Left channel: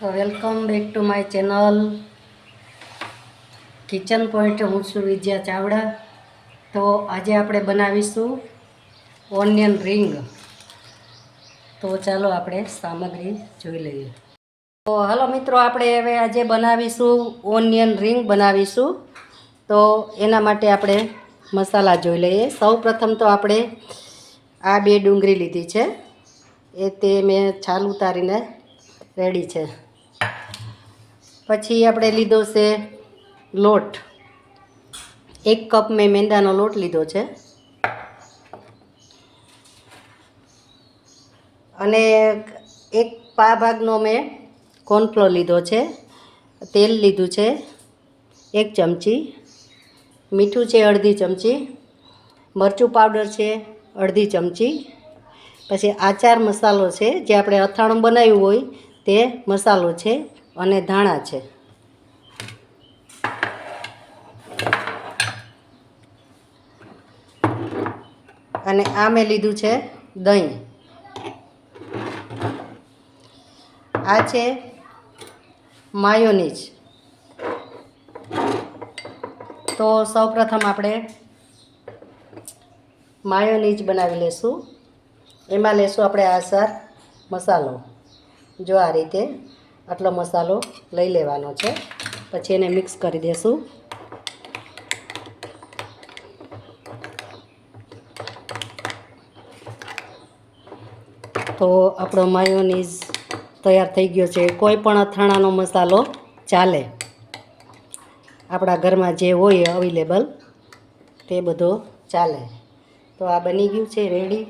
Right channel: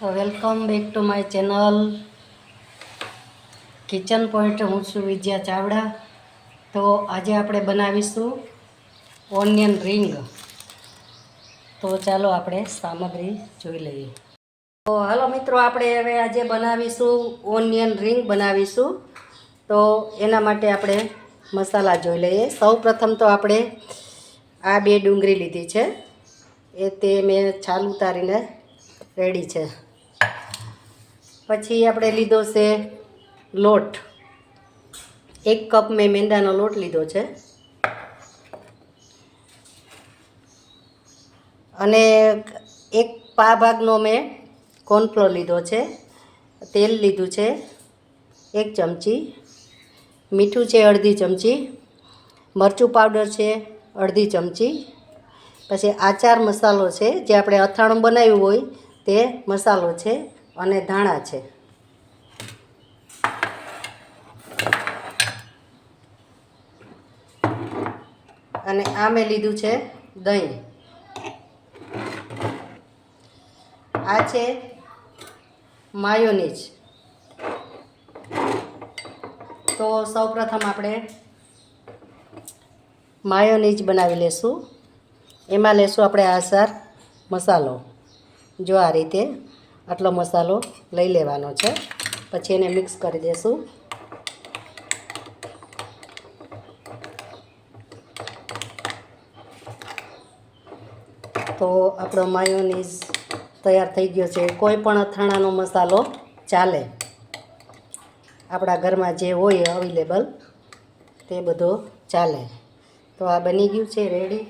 તો welcome back to my channel. Kitchen point હું છું વિદ્યા ચાવડા. તો આજે આપણે બનાવીશું ઓનિયન રિંગ. તો ચાલો આપણે સામગ્રી જોઈ લઈએ. તો હાલો મિત્રો, આપણે હવે આજે બનાવીશું ઓનિયન રિંગ બનાવીશું. તો એના માટે આપણે મસાલા જોઈ લઈએ. સૌ પ્રથમ તો આપણે આ બે ડુંગળી લીધી છે. એ તે મેં છાલ ઉતારીને રેડી છે. પછી આપણે લીધો છે લોટ. એક કપ મેં મેંદાનો લોટ લીધો છે. અને એક પા ભાગનો મેં કોર્નફ્લોર લીધો છે. તેલ લીધું છે એક ચમચી. મીઠું છે અડધી ચમચી. મરચું પાવડર છે અડધી ચમચી. પછી આચાર મસાલો છે, જે આપણે અથાણું બનાવ્યું હોય તે મસાલો છે. અને ધાણા છે. અને આ મેં લીધું છે દહીં. આ છે માયોનીઝ. તો સૌપ્રથમ આપણે માયોનીઝ બનાવી લેશું. એમાં લેશું આપણે આસાર મસાલો. જો આ રીતે આટલો મસાલો લઈ લેવાનો છે. પછી એને મિક્સ કરી દેશું. તો આપણો માયોનીઝ તૈયાર થઈ ગયો છે. કોઈ પણ અથાણાનો મસાલો ચાલે. આપણા ઘરમાં જે હોય અવેલેબલ તે બધો ચાલે. તો આ બની ગયું છે રેડી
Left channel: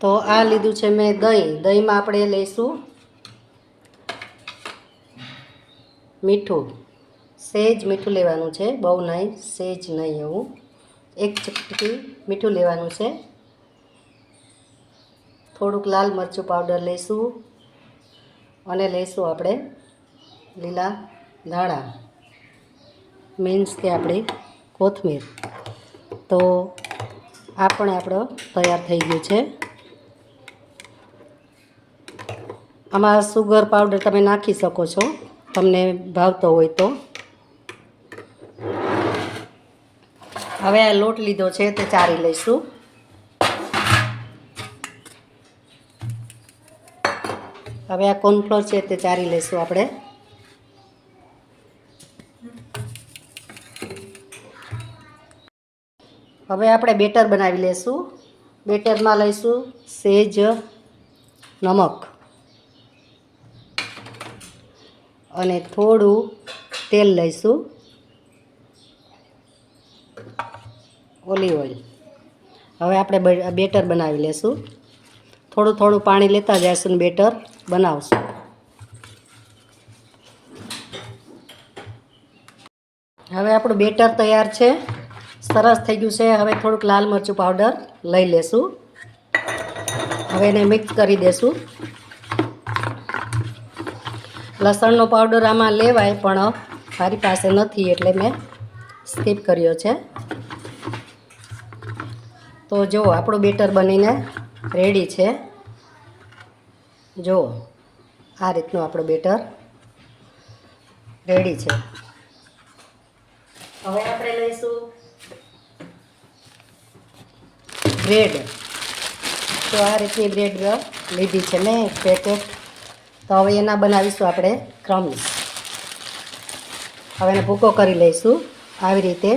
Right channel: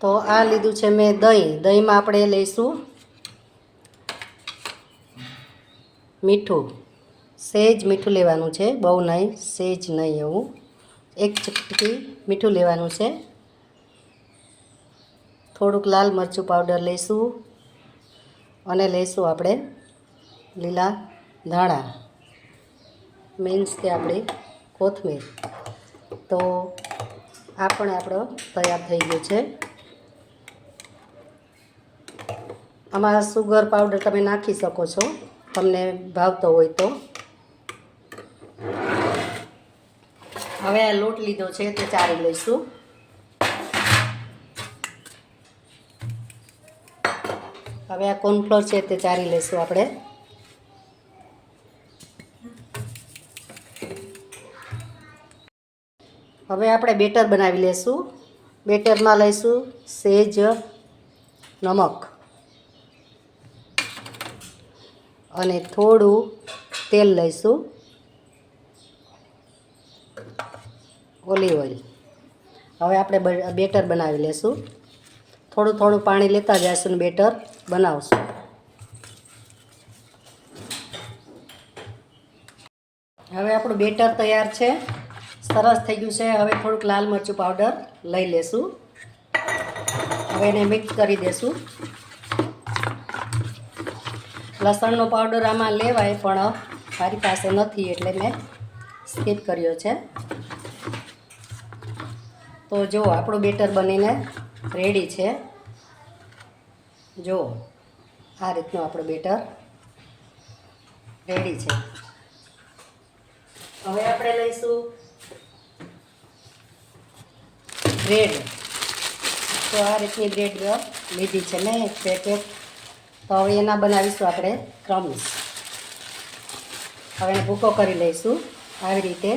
તો આ લીધું છે મેં દહીં. દહીંમાં આપણે લઈશું મીઠું. સેજ મીઠું લેવાનું છે. બહુ નહીં, સેજ નહીં એવું. એક ચપટી મીઠું લેવાનું છે. થોડુંક લાલ મરચું પાવડર લઈશું અને લઈશું આપણે લીલા ધાણા. મીન્સ કે આપણી કોથમીર. તો આ પણ આપણો તૈયાર થઈ ગયું છે. આમાં સુગર પાવડર તમે નાખી શકો છો. તમને ભાવતો હોય તો. હવે આ લોટ લીધો છે તે ચારી લઈશું. હવે આ કોર્નફ્લોર છે તે ચારી લઈશું આપણે. હવે આપણે બેટર બનાવી લઈશું બેટરમાં લઈશું સેજ, નમક. અને થોડું તેલ લઈશું. Olive oil. હવે આપણે બેટર બનાવી લેશું. થોડું થોડું પાણી લેતા જઈશું ને બેટર બનાવશું. હવે આપણું બેટર તૈયાર છે. સરસ થઈ ગયું છે. હવે થોડુંક લાલ મરચું પાવડર લઈ લેશું. હવે એને મિક્સ કરી દેશું. લસણનો પાવડર આમાં લેવાય પણ મારી પાસે નથી એટલે મેં સ્કીપ કર્યો છે. તો જો, આપણું બેટર બનીને રેડી છે. જો, આ રીતનું આપણું બેટર રેડી છે. હવે આપણે લઈશું બ્રેડ તો આ રીતની બ્રેડ લીધી છે મેં પેકેટ તો હવે એના બનાવીશું આપણે ક્રમ્સ. હવે એને ભૂકો કરી લઈશું આવી રીતે.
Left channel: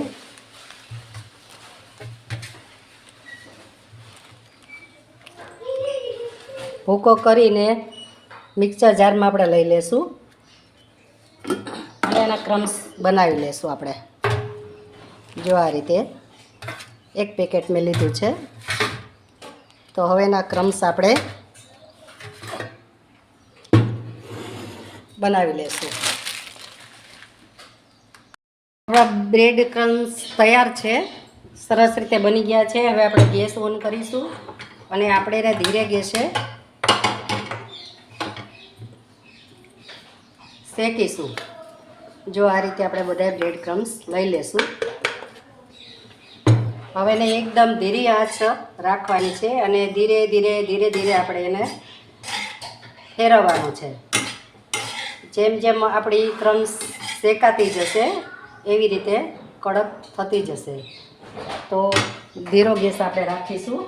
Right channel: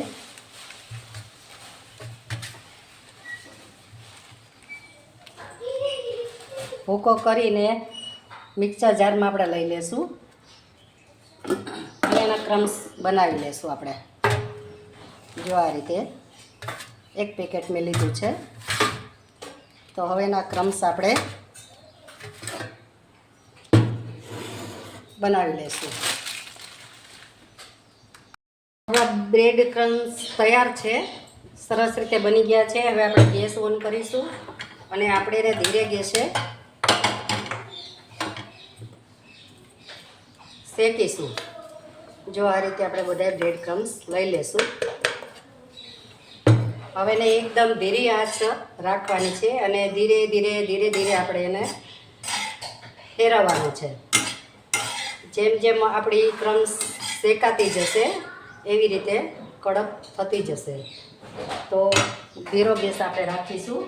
ભૂકો કરીને મિક્સર જારમાં આપણે લઈ લેશું. અને એના ક્રમ્સ બનાવી લેશું આપણે. જો આ રીતે એક પેકેટ મેં લીધું છે. તો હવે એના ક્રમ્સ આપણે બનાવી લેશું. આપણા બ્રેડ ક્રમ્સ તૈયાર છે. સરસ રીતે બની ગયા છે. હવે આપણે ગેસ ઓન કરીશું અને આપણે એને ધીરે ગેસે શેકીશું. જો આ રીતે આપણે બધા બ્રેડ ક્રમ્સ લઈ લેશું. હવે એને એકદમ ધીરી આંચ રાખવાની છે અને ધીરે ધીરે ધીરે ધીરે આપણે એને ફેરવવાનું છે. જેમ જેમ આપણી ક્રમ્સ શેકાતી જશે, એવી રીતે કડક થતી જશે. તો ધીરો ગેસ આપણે રાખીશું.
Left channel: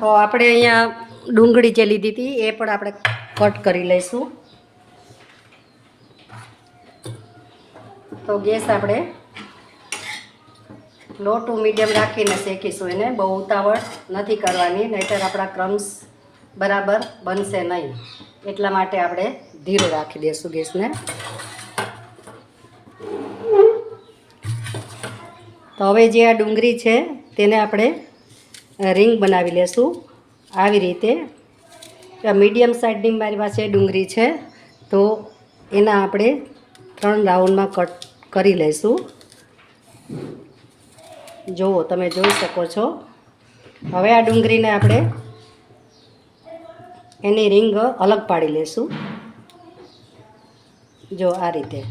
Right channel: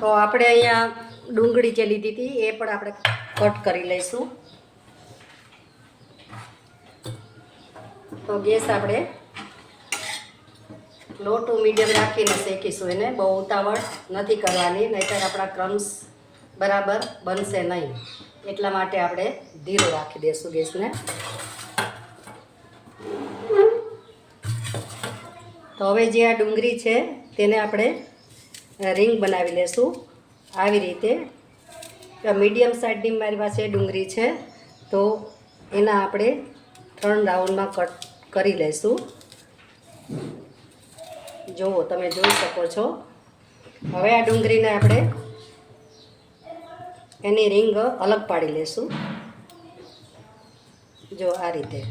તો આપણે અહીંયા ડુંગળી જે લીધી હતી, એ પણ આપણે કટ કરી લઈશું. તો ગેસ આપણે લો ટુ મીડિયમ રાખીને શેકીશું. એને બહુ ઉતાવળ નથી કરવાની, નહીંતર આપણા ક્રમ્સ બરાબર બનશે નહીં. એટલા માટે આપણે ધીરો રાખી દઈશું ગેસને. તો હવે જે આ ડુંગળી છે, તેને આપણે રિંગ બનાવી લેશું. આવી રીતે મીડિયમ સાઇઝની મારી પાસે ડુંગળી છે, તો એના આપણે ત્રણ રાઉન્ડમાં કટ કરી લઈશું જુઓ, તમે જોઈ શકો છો. હવે આ ડુંગળીને આપણે એની રિંગ અલગ પાડી લેશું. જો, આ રીતે.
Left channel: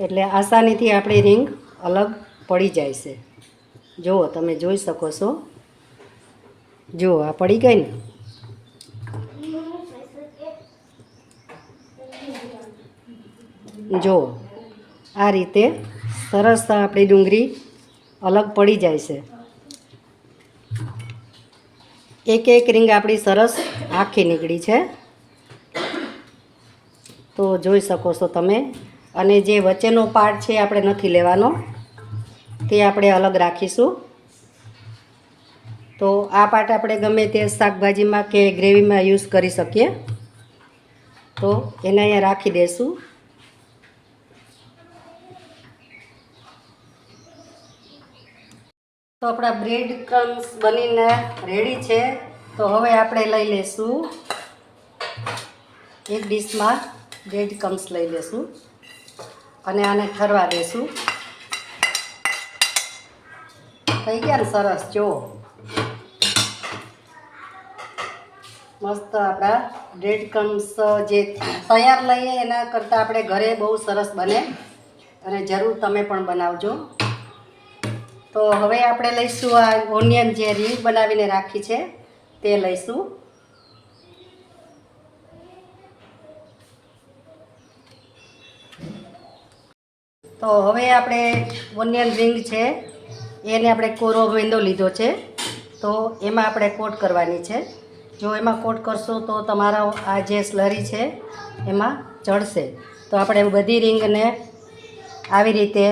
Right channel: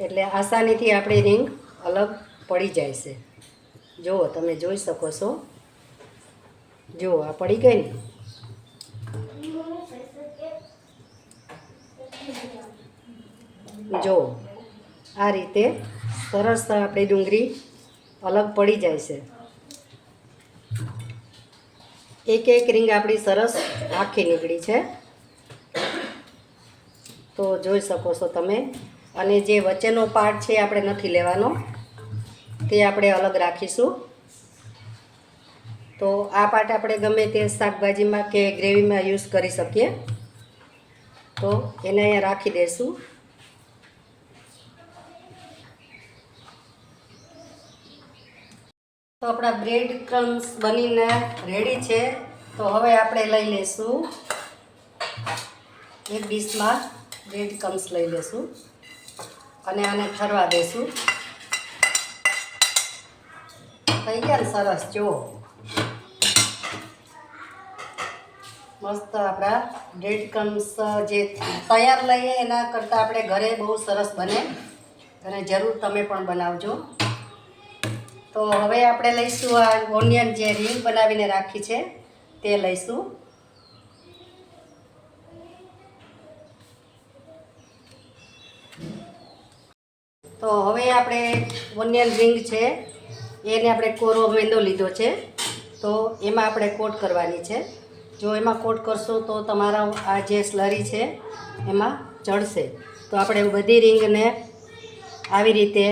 એટલે આસાનીથી આપણી રિંગ અલગ પડી જાય છે. જુઓ, તમે જોઈ શકો છો. જુઓ, આ પડી ગઈ ને? જો આ રીતે સરસ આપણી ડુંગળી અલગ પડી જાય છે. એક એક રીંગ આપણી સરસ આખી નીકળી છે. તો જોઈ શકો છો તમે. અને જે વચ્ચેનો પાર્ટ છે આપણે નથી લેવાનો. તે આપણે અલગ રાખીશું. તો આ પાર્ટ આપણે ગમે તે શાકભાજીમાં કે ગ્રેવીમાં યુઝ કરી શકીએ. તો એને અહીંયા રાખી દઈશું તો આપણા બ્રેડ ક્રમ્સ બનીને રેડી છે. તો હવે આપણે લઈ લઈશું એક ડીશમાં બ્રેડ ક્રમ્સ લઈ લઈશું અને આને ઠરવા દેશું. થઈ ગયા સરસ જો મસ્ત આપણા બ્રેડ ક્રમ્સ જે તૈયાર લઈએ એના કરતાં આપણે ઘરે બહુ સરસ બને. અને જરૂર તમે પણ બનાવજો. તો હવે આપણે લઈશું આ ઓનિયન જે રીંગ બનાવીને રાખી છે, તે લઈશું. તો હવે આપણે ઓનિયન રિંગ છે, એને આપણે કોરો મેંદો લીધો છે. તો એમાં આપણે કોટ કરવાની છે. જો એમાં કોટ કરશો તો તમારા આ જે સ્લરી છે, એમાં ચડશે તો આપણે બધી રિંગને આવી રીતે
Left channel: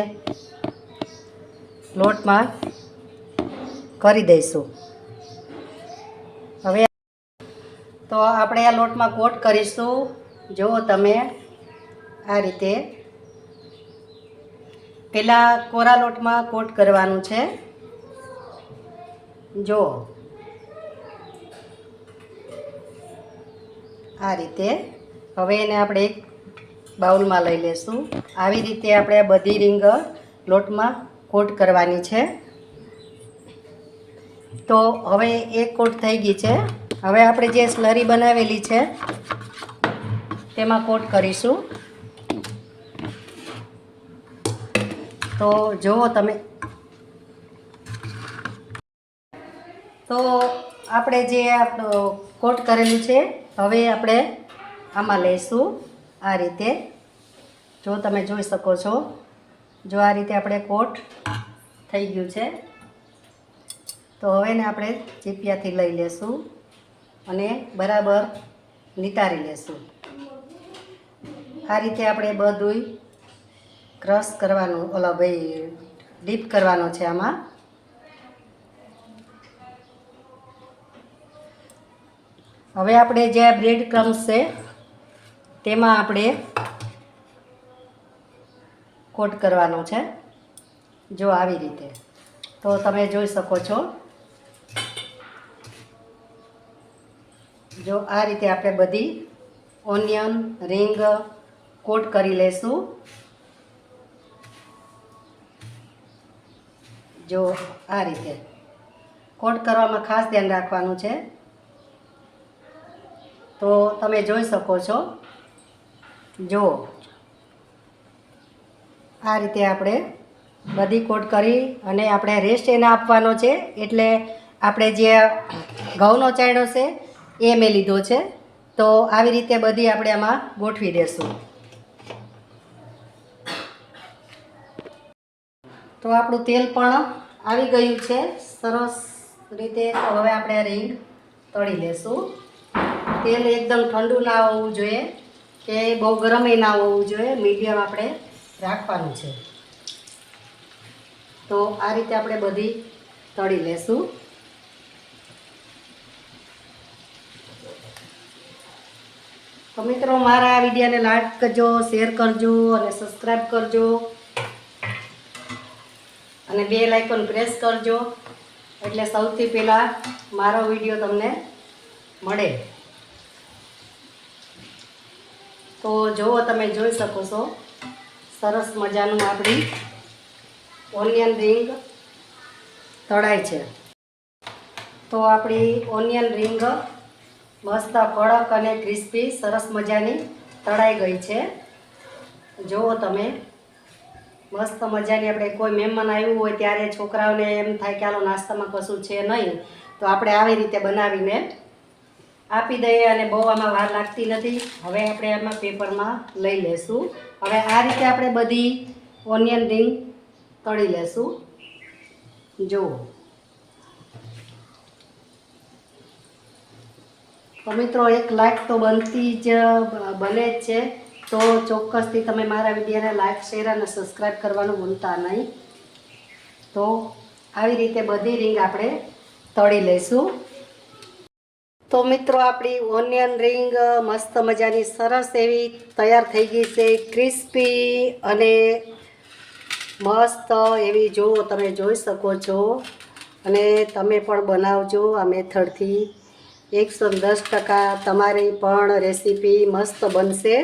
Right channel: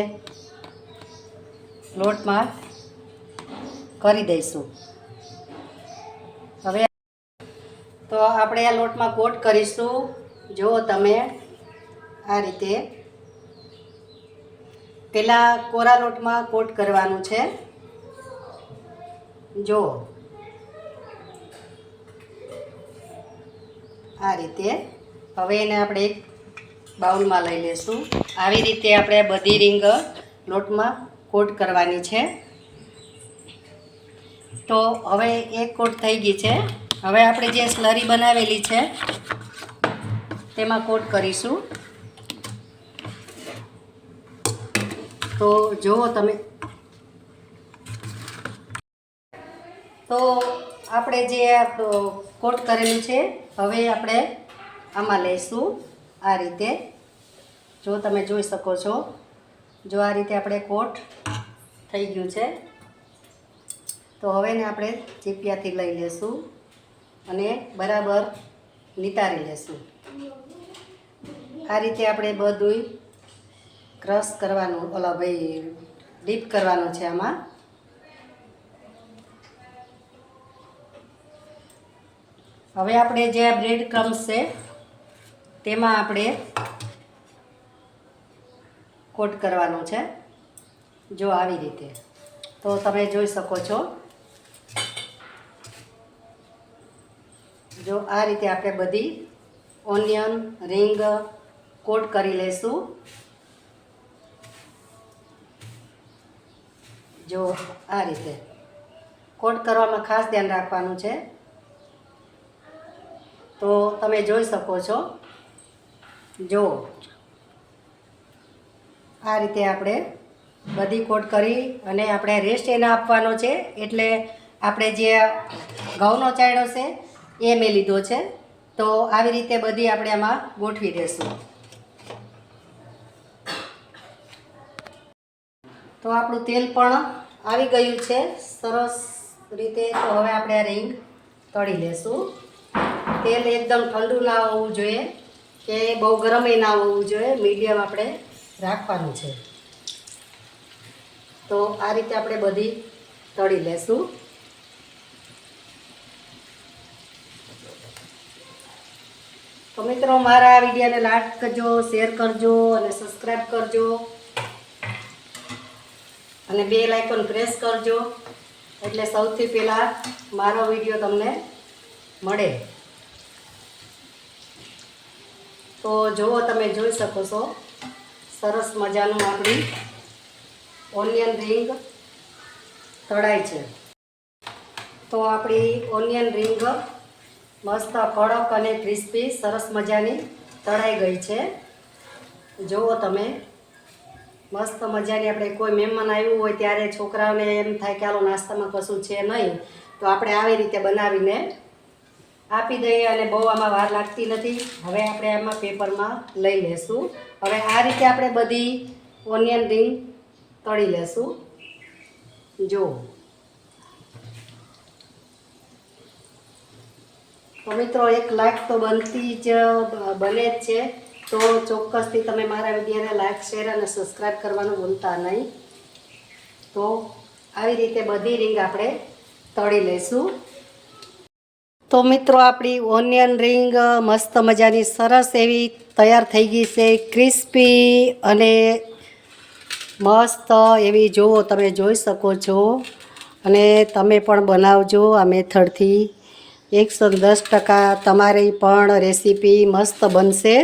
લોટમાં કરી દઈશું. હવે તો આપણે આ લોટમાં કોટ કરીશું. જો તમે આ રીતે પહેલાં કોરા લોટમાં કોટ કરવાનું છે. જો આ રીતે હવે એને આપણે એક બાઉલમાં લઈ લેશું. આવી રીતે આપણે બધી રીંગ લોટમાં કોટ કરવાની છે. તો હવે એક કોટ થઈ ગઈ છે. હવે આપણે જે સ્લરી બનાવેલી છે, તેમાં કોટ કરીશું. તો જુઓ તમે. તો આપણે જે કોટ કરેલું છે, હવે આપણે આમાં લઈશું આ રીતે. જો તમે જોઈ શકો છો. જો આ રીતે આપણે કોટ થઈ ગયું છે. તો હવે ને આપણે ચીપિયાથી લઈ લેશું અને બરાબર નિતારી લેશું. આ રીતે આપણે બધું ક્રશ કરવાનું, ઓલા ભાઈ ડીપ કરવાનું છે આમાં. હવે આપણે જે બ્રેડ ક્રમ્સ છે, તેમાં આપણે કોટ કરવાનો છે. જો આવી રીતે. તો તમે જોઈ શકો છો. જો આ રીતે આપણે બધી ઓનિયન, રિંગ કોટ કરી લઈશું જો આ રીતે. કોટ કરવામાં ખાસ ધ્યાન રાખવાનું છે. તો તમે જોઈ શકો છો. જો આ રીતે આપણે બધી કોટ કરી અને આપણે રેસ્ટ એને આપવાનો છે. એટલે આપણે જે ઘઉંનો ચાયડો છે, એ મેં લીધો છે. તો આવી રીતે બધી આપણે આમાં ગોઠવી દઈશું તો આપણું તેલ પણ આવી ગયું છે. સરસ રીતે તો હવે આપણે રિંગ તળી લેશું. તેલ એકદમ ઠંડુ ના હોવું જોઈએ કે બહુ ગરમે ના હોવું જોઈએ. મીડિયમ આપણે રાખવાનું છે. તો આ રીતે આપણે બધી તળી લેશું. તો મિત્રો, મારા વિડીયોને લાઈક કરજો, શેર કરજો અને સબસ્ક્રાઈબ કરજો. અને બે લાઇકન પ્રેસ કરજો. એટલે સૌથી પહેલાં મારો વીડિયો તમને મળે. તો જુઓ, તમે જોઈ શકો છો. સરસ મજાનું આપણી ઓનિયન રિંગ તળાય છે. તો આપણી ઓનિયન રિંગ મસ્ત કડક અને ક્રિસ્પી સરસ મજાની તળાઈ ગઈ છે. જુઓ તમે, મસ્ત મજાની આપણે કોઈ મહેમાન આવ્યું હોય ત્યારે છોકરાઓને એમ થાય કે આલો નાસ્તામાં કશું છે નહીં. તો આપણે આવી રીતે બનાવીને આપી દઈએ અને બહુ આમાં વાર લાગતી નથી. હવે આપણે આમાં પેપરમાં લઈ લેશું. હવે આ રીતે આપણે બધી ઓનિયન રિંગ તળી લેશું. જુઓ તો મિત્રો, એક લાઈક તો બનતી જ બને જ છે. તો ચોક્કસથી તમે મારા વિડીયોને લાઈક, શેર અને સબસ્ક્રાઈબ કરવાનું ભૂલતા નહીં. તો આવી રીતે બધી રિંગ આપણે તળી લઈશું તો મિત્રો, આપણી ઓનિયન રિંગ મસ્ત મજાની સરસ એવી તૈયાર થઈ ગઈ છે, ક્રિસ્પી અને મસ્ત એવી જુઓ તમે જોઈ શકો છો. અને તમે પણ બનાવજો આ મેથડથી. એકસો દસ ટકા તમારી પણ રેસીપી મસ્ત બનશે.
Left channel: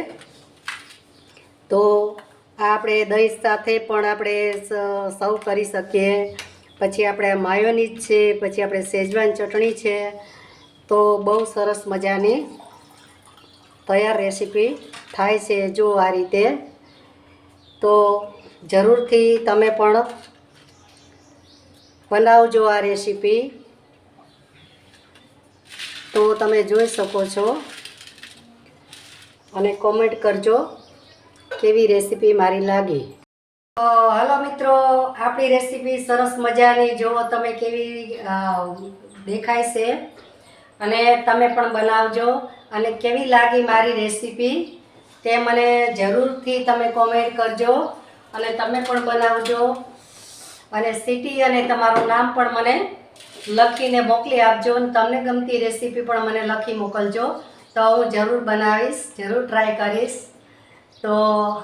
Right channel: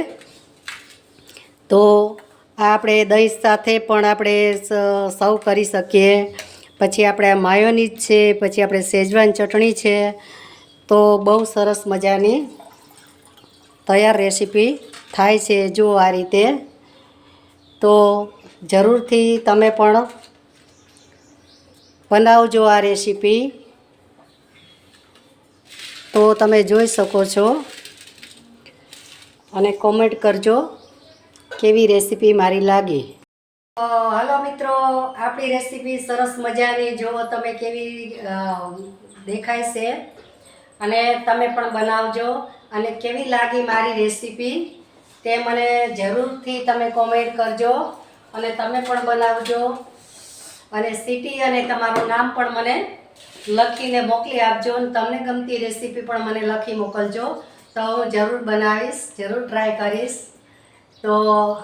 તો આ આપણે દહીં સાથે પણ આપણે સર્વ કરી શકીએ. પછી આપણે આ માયોનીઝ છે, પછી આપણે શેજવાન ચટણી છે તો બહુ સરસ મજાની તૈયાર રેસીપી થાય છે જો આ રીતે. તો જરૂરથી તમે પણ બનાવજો આ રેસીપી. તો તમે જોઈ શકો છો. અને કોમેન્ટ કરજો કેવી રેસીપી મારી લાગી. હલો મિત્રો, આપણી રેસીપી સરસ મજાની. જો તમે કેવી દેખાય છે. અને તમે પણ બનાવજો. અને કેવી લાગી મારી રેસીપી તે મને જરૂરથી તમે કોમેન્ટ કરજો. અને તમે પણ બનાવજો. અને સિટી અને તમારું નામ પણ મને લખીને મોકલી આપજો અને તમને ગમતી રેસીપી પણ મને લખી મોકલજો. તો હું જરૂર બનાવીશ, જરૂર ટ્રાય કરીશ. તો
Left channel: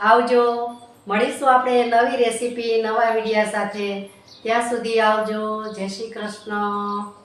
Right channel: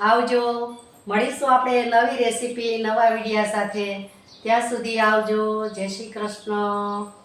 આવજો. મળીશું આપણે નવી રેસીપી, નવા વિડીયા સાથે. ત્યાં સુધી આવજો. જય શ્રી કૃષ્ણ.